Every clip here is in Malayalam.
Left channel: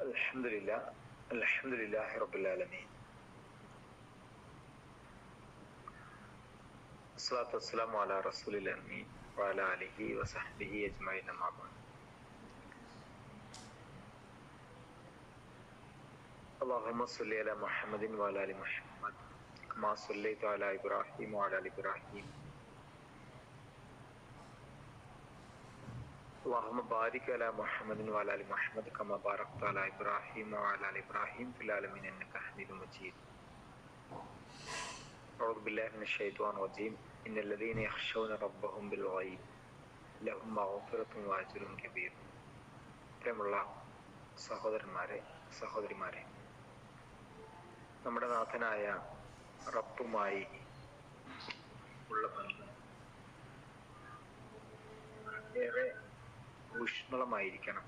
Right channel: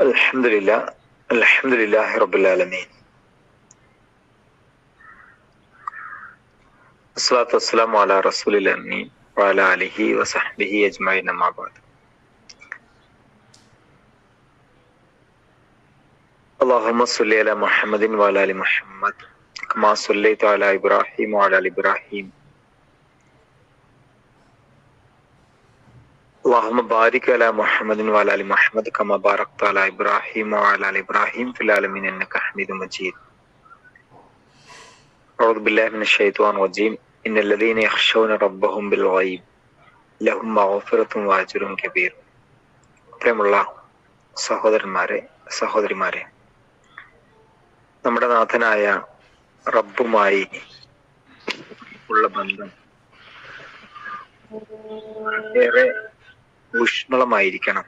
الحمد لله الحمد لله رب العالمين. الصلاة والسلام على رسول الأمين وعلى آله وصحبه أجمعين أما بعد. اللهم صل على محمد وعلى آل محمد كما صليت على إبراهيم وعلى آل إبراهيم. اللهم بارك على محمد وعلى ال محمد كما باركت على ابراهيم وعلى ال ابراهيم في العالمين انك حميد مجيد اعوذ بالله من الشيطان الرجيم ان الذين يخشون ربهم بالغيب لهم مغفرة واجر كبير പ്രിയമുള്ള സഹോദരന്മാരെ സഹോദരിമാരെ നമ്മുടെ നാഥനായ റബ്ബുമായി ഉള്ള ബന്ധം ഏറെ ഊഷ്മളമായിരിക്കണം.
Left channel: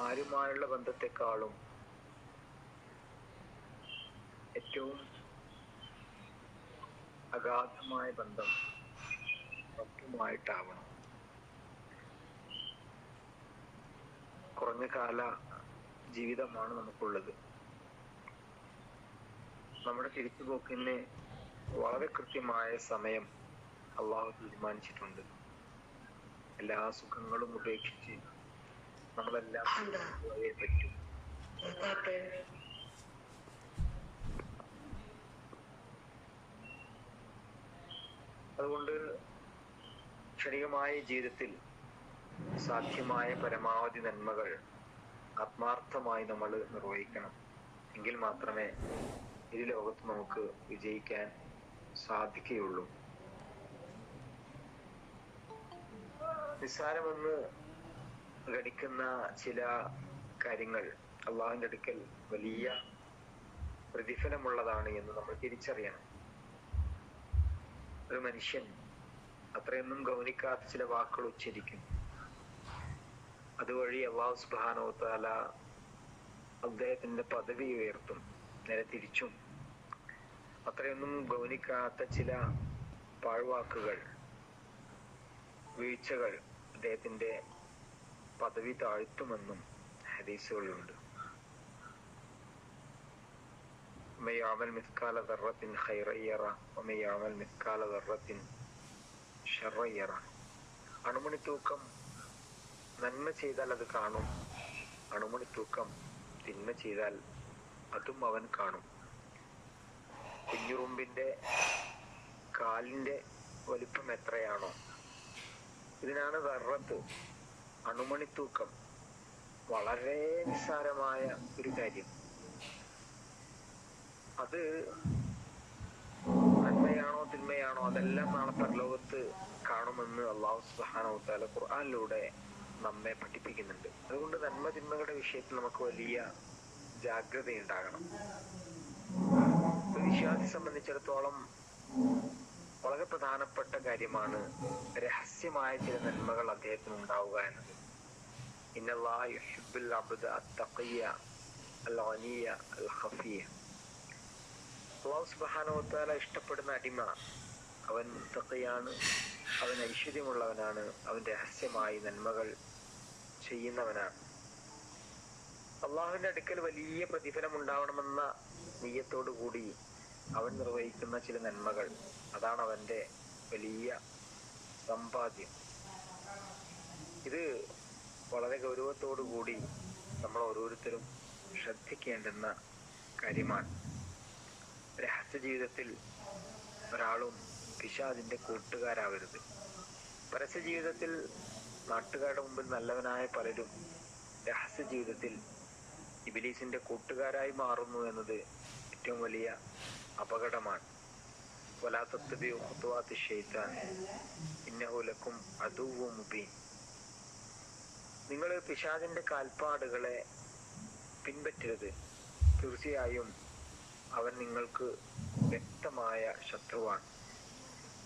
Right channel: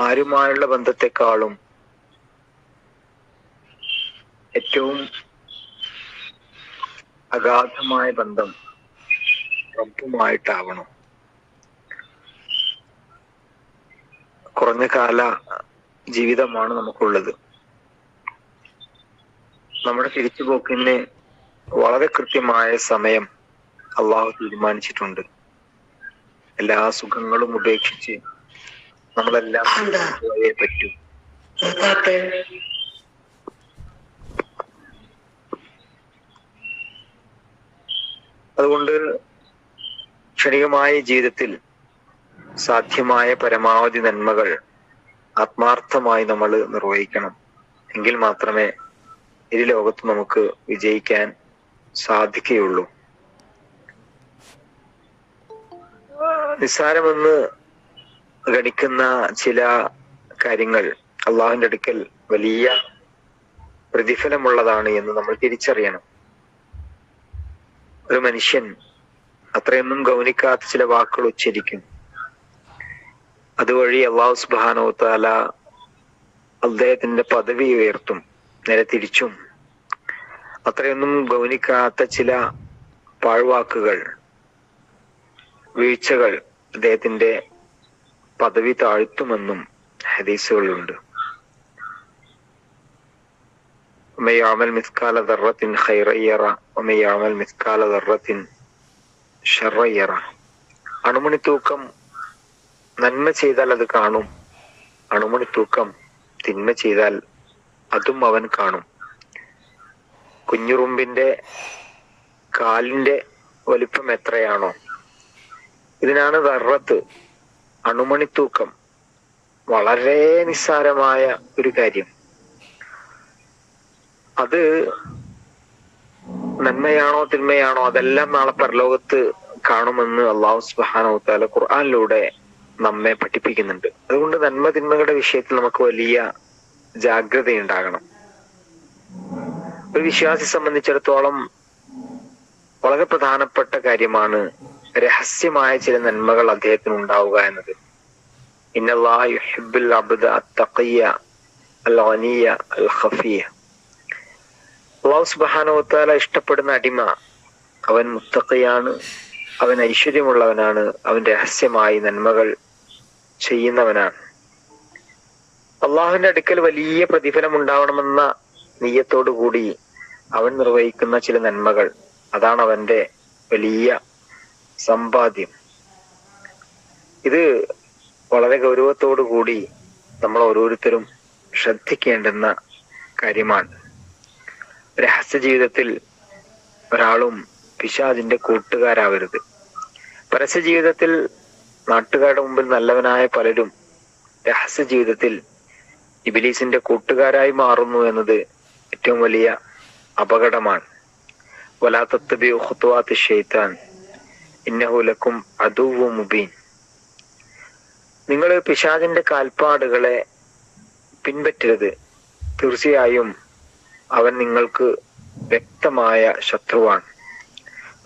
ആരുമായുള്ള ബന്ധത്തെക്കാളും ഏറ്റവും അഗാധമായ ബന്ധം റബ്ബുമായിട്ടാവണം കുറഞ്ഞ കാല ജീവിതമാണ് നമുക്കുള്ളത്. നമ്മുടെ തിരിച്ചുപോക്കിന് വളരെ കൃത്യമായ സമയം അള്ളാഹു തീരുമാനിച്ചിട്ടുണ്ട്. എല്ലാ സുഖങ്ങളും ഉപേക്ഷിച്ച് നമ്മളെല്ലാം പോയേ പറ്റൂ. അതുകൊണ്ട് ക്ഷണികമായ ജീവിതത്തിൽ സാധ്യമായ പരമാവധി നന്മകൾ ആത്മാർത്ഥമായി നമ്മൾ നിർവഹിക്കണം. എങ്കിൽ മാത്രമേ ഇരു ലോകത്ത് നമുക്ക് വിജയിക്കാൻ സാധിക്കുകയുള്ളൂ. നിസ്സാരമെന്ന് ഗണിക്കുന്ന ചില കാര്യങ്ങൾ അള്ളാഹുവിന്റെ അടുക്കൽ വലിയ പ്രതിഫലമുള്ളതാണ് എന്ന് നമ്മൾ തിരിച്ചറിയണം. ഒരു മനുഷ്യൻ അത്രയൊന്നും ഗൗനിക്കാത്ത ചില വാക്കുകൾ ഉച്ചരിക്കും. അതുവഴി അള്ളാഹു സുബാനോ താല അദ്ദേഹത്തിന്റെ പദവി ഉയർത്തും നേരെ തിരിച്ചും. അത്രയൊന്നും ഗൗനിക്കാത്ത ചില പാഴ്വാക്കുകൾ വീഴ്ചകൾ അദ്ദേഹത്തിന്റെ പദവി താഴ്ത്തുമെന്നും ഹദീസുകളുണ്ട്. ഒമയാമൽ മിസ്കാല ദർറത്തിൻ ഹൈറയ്യറ ഒമയാമൽ മിസ്കാല ദർറത്തിൻ ഷറയ്യറ അണുമണി തൂക്കം നന്മ ചെയ്താൽ അത് കാണും. അണുമണി തൂക്കം തിന്മ ചെയ്താൽ അതും അവൻ കാണും. കുഞ്ഞുറുമ്പിന്റെ കാലിന്റെ വലിപ്പം എത്രയാണോ ഇതിനാണ് ദർറത്ത് അണുമണിത്തൂക്കം വളരെ നിസ്സാരമായ ഒരു കാര്യം. അത് നന്മയാണോ തിന്മയാണോ അതെല്ലാം നാളെ പരലോകത്ത് കാണുമെന്ന് അള്ളാഹു സുബാനോത്താല താല ഖുർആാനിലൂടെ നമ്മെ പഠിപ്പിക്കുന്നുണ്ട്. അതുകൊണ്ട് നന്മ തിന്മകളുടെ വിഷയത്തിൽ നമുക്ക് വലിയ ജാഗ്രതയുണ്ടാകണം. ഒരു വിശ്വാസി സംബന്ധിച്ചിടത്തോളം വളരെ പ്രധാനപ്പെട്ട കാര്യമാണ് രഹസ്യമായ ചില നന്മകൾ അദ്ദേഹത്തിന് ഉണ്ടാവുക എന്നത്. ഇഷ്ടപ്പെടുന്ന അടിമ അവൻ മുത്തക്കയാണ് അവൻ ഐശ്വര്യമുള്ളവനാണ് അവൻ രഹസ്യമായി നന്മകൾ ചെയ്യുന്നവനാണ്. അള്ളാഹുവിന്റെ അടുക്കൽ വലിയ പ്രതിഫലം ഉണ്ടാവണമെന്ന നീയത്തോടു കൂടി അവൻ നിർവഹിക്കുന്ന ചില നന്മകൾ. അതാണ് അവന്റെ വലിയ സമ്പാദ്യം. ഇത് വളരെ ഗൗരവത്തോടു കൂടി നമ്മൾ ഓരോരുത്തരും ശ്രദ്ധിക്കേണ്ടുന്ന കാര്യമാണ്. രഹസ്യ ജീവിതത്തിൽ ഒരാളും പിശാജിന്റെ കൂട്ടുകാരാവരുത്. പരസ്യ ജീവിതത്തിൽ നാട്ടുകാരുടെ മുമ്പിൽ നല്ലവനായ പലരും രഹസ്യ ജീവിതത്തിൽ ഇബിലീസിന്റെ കൂട്ടുകാരായി മാറുന്നു എന്നത് ഏറ്റവും വലിയ അപകടമാണ്. വലാത്തത്തബി ഖുത്വാത്ത് ഷെയ്ത്താൻ لكم അദുവു മുബീൻ നിങ്ങൾ പിശാചിന്റെ കാൽപ്പാടുകളെ പിൻപറ്റരുത്. തീർച്ചയായും അവൻ നിങ്ങൾക്ക് വ്യക്തമായ ശത്രുവാണ്.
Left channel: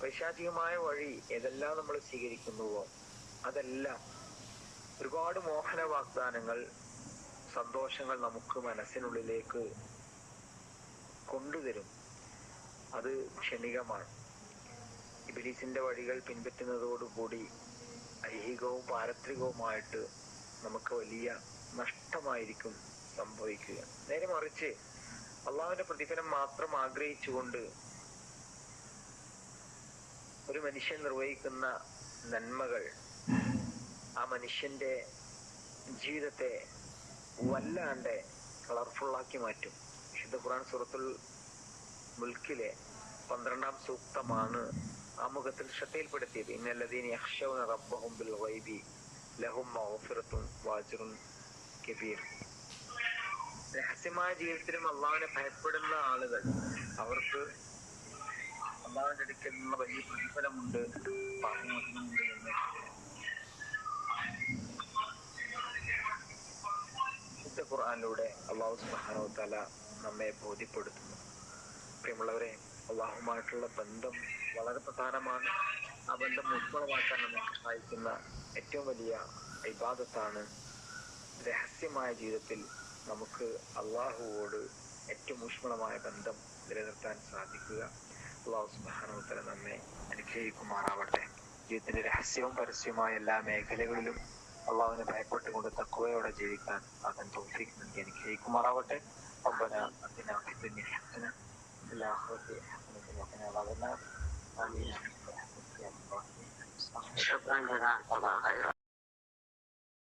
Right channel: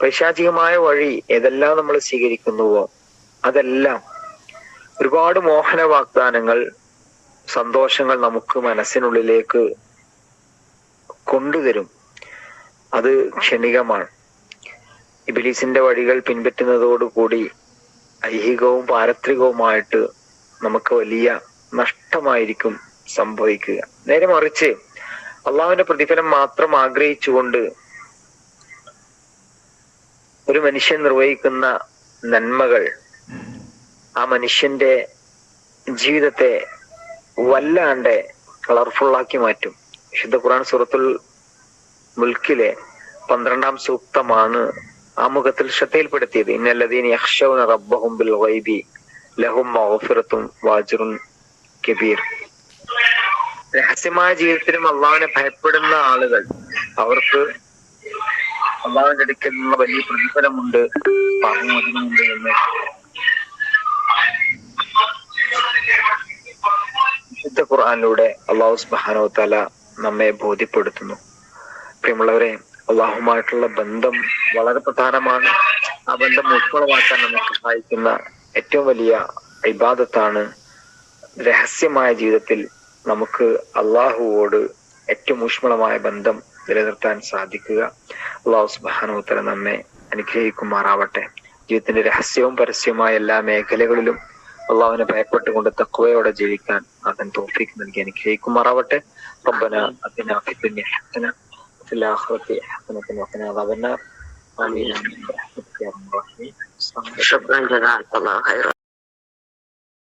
പൈശാചികമായ വഴി ഏതെല്ലാം നമ്മൾ സ്വീകരിക്കുന്നുവോ അതെല്ലാം ഒരുപാട് മോഹന വാഗ്ദാനങ്ങൾ സന്തോഷങ്ങൾ നമുക്ക് മനസ്സിനുള്ളിലേക്ക് കൊണ്ടുതരും. അത് ക്ഷണികമാണ്. ഇബിലീസിന്റെ വഴികൾ പിൻപറ്റുന്നതോടുകൂടി ഐഹികവും പാരത്രികവുമായിട്ട് നമുക്ക് വലിയ നഷ്ടമായിരിക്കും സംഭവിക്കുക. നേരെ മറിച്ച് അള്ളാഹുവിന്റെ പ്രതിഫലം മാത്രം ആഗ്രഹിച്ചുകൊണ്ട് ഒരു മനുഷ്യൻ നിർവഹിക്കുന്ന നന്മകൾ ആ മനുഷ്യന്റെ ജീവിതത്തെ വല്ലാണ്ട് കളർഫുള്ളാക്കി മാറ്റും. വിശുദ്ധ ഖുർആൻ സൂറത്തുൽ മുൽക്കിലെ പന്ത്രണ്ടാം സൂക്തമാണ് ആമുഖത്തിൽ മുഖത്തിൽ ശ്രദ്ധയിൽപ്പെടുത്തിയത്. ഇന്നല്ലതീൻ യക്ഷൗന റബ്ബഹും ബിൽ വൈബി ലഹും മഹഫിറത്തും വാജുറും കബീർ. രഹസ്യമായ ജീവിതത്തിലും അള്ളാഹുവിനെ ഭയപ്പെടുന്ന ആളുകൾ അവർക്ക് അള്ളാഹുവിന്റെ അടുക്കൽ നിന്നുള്ള വലിയ പ്രതിഫലമുണ്ട് പാപമോചനമുണ്ട് എന്ന്. ഖുർആനിലൂടെ അള്ളാഹു സുബ്ഹാനഹു തല നമ്മെ ബോധ്യപ്പെടുത്തുന്നു. പ്രിയമുള്ളവരെ അള്ളാഹുമായിട്ടുള്ള ബന്ധം വളരെ പ്രധാനമാണ്. ആ ബന്ധം ഉൾക്കൊള്ളവാക്കാൻ നമ്മെ സഹായിക്കുന്ന ഏറ്റവും വലിയ ഇബാദത്താണ് രഹസ്യമായ ജീവിതത്തിൽ നമുക്ക് അള്ളാഹുവോട് ഏറ്റവും ഊഷ്മളമായ ബന്ധം നിലനിർത്താൻ സാധിക്കുക. അള്ളാഹു സുബാനോത്തര നമ്മെ അനുഗ്രഹിക്കുമാറാവട്ടെ. ജീവിതത്തിന്റെ രഹസ്യവും പരസ്യവുമായ എല്ലാ മേഖലകളിലും അള്ളാഹുവിനെ ഭയപ്പെട്ടുകൊണ്ട് തക്കുവയോടെ ജീവിക്കാൻ അവൻ തോഫിക്ക് നൽകി അനുഗ്രഹിക്കുമാറാവട്ടെ. റബ്ബന അതിന ഫി في الآخرة في وقنا عذاب النار آمين. شكرا جزاك الله خيرا.